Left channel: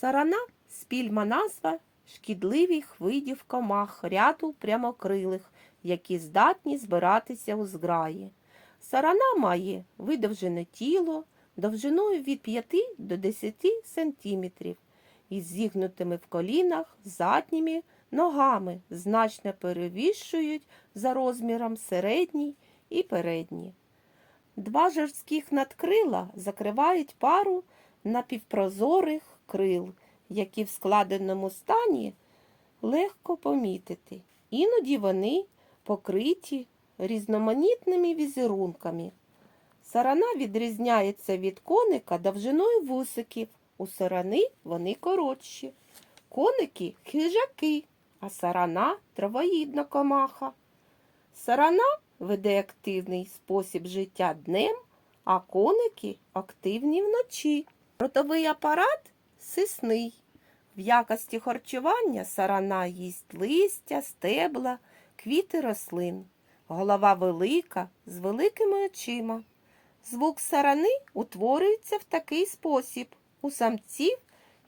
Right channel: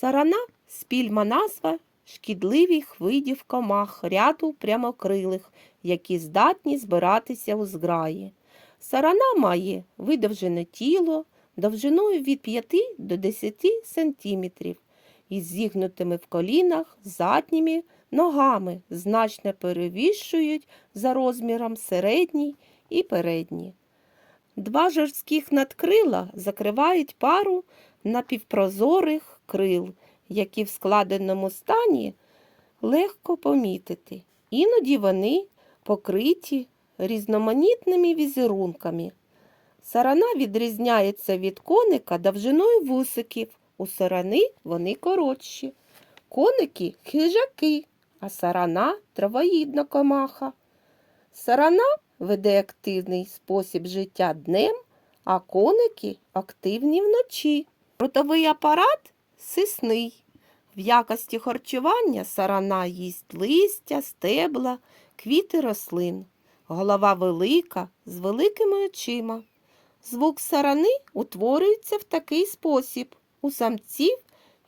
Сарана спільма назва шкідливих видів комах ряду прямокрилих, які здатні збиратися у зграї. Сарана має видовжене тіло довжиною від 5 до 10 см із зігнутими в колінах задніми ногами, значно перевищують за розміром середній і передні. Два жорстких надкрила закривають пару напівпрозорих крил, які в складеному стані легко помітити. Іноді вони покриті різноманітними візерунками. Сарана відрізняється від коника довжиною вусиків. У сарани вони коротші. Коники хижаки, а сарана травоїдна комаха. Сарана веде активний спосіб життя днем, а коники активні вночі. Ротовий апарат сисний. В якості харчування сарана їсть листя, стебла, квіти рослин. Голова велика, з великими очима. Звук сарани утворюється в такий спосіб. У самців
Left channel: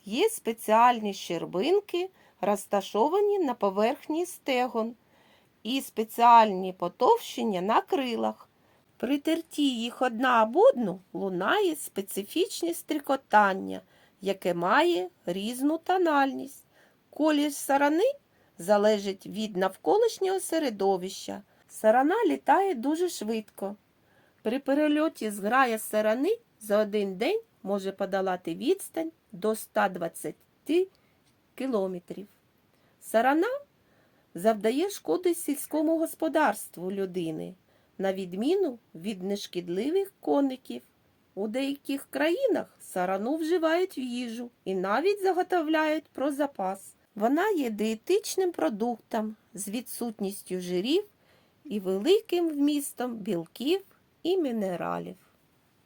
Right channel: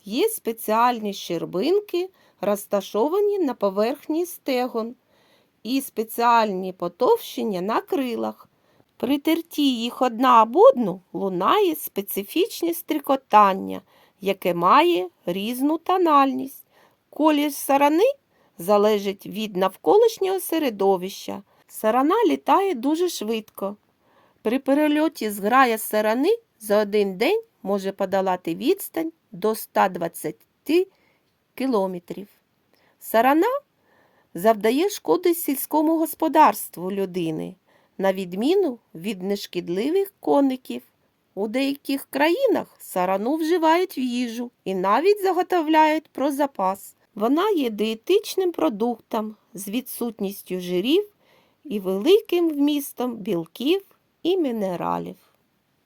є спеціальні щербинки, розташовані на поверхні стегон, і спеціальні потовщення на крилах. При терті їх одна об одну лунає специфічне стрикотання, яке має різну тональність. Колір сарани залежить від навколишнього середовища. Сарана літає дуже швидко. При перельоті зграя сарани за один день може подолати відстань до 120 кілометрів. Сарана завдає шкоди сільському господарству людини, на відміну від нешкідливих коників. У деяких країнах сарану вживають в їжу і навіть заготовляють про запас. Вона є диетичним продуктом з відсутністю жирів і великим вмістом білків і мінералів.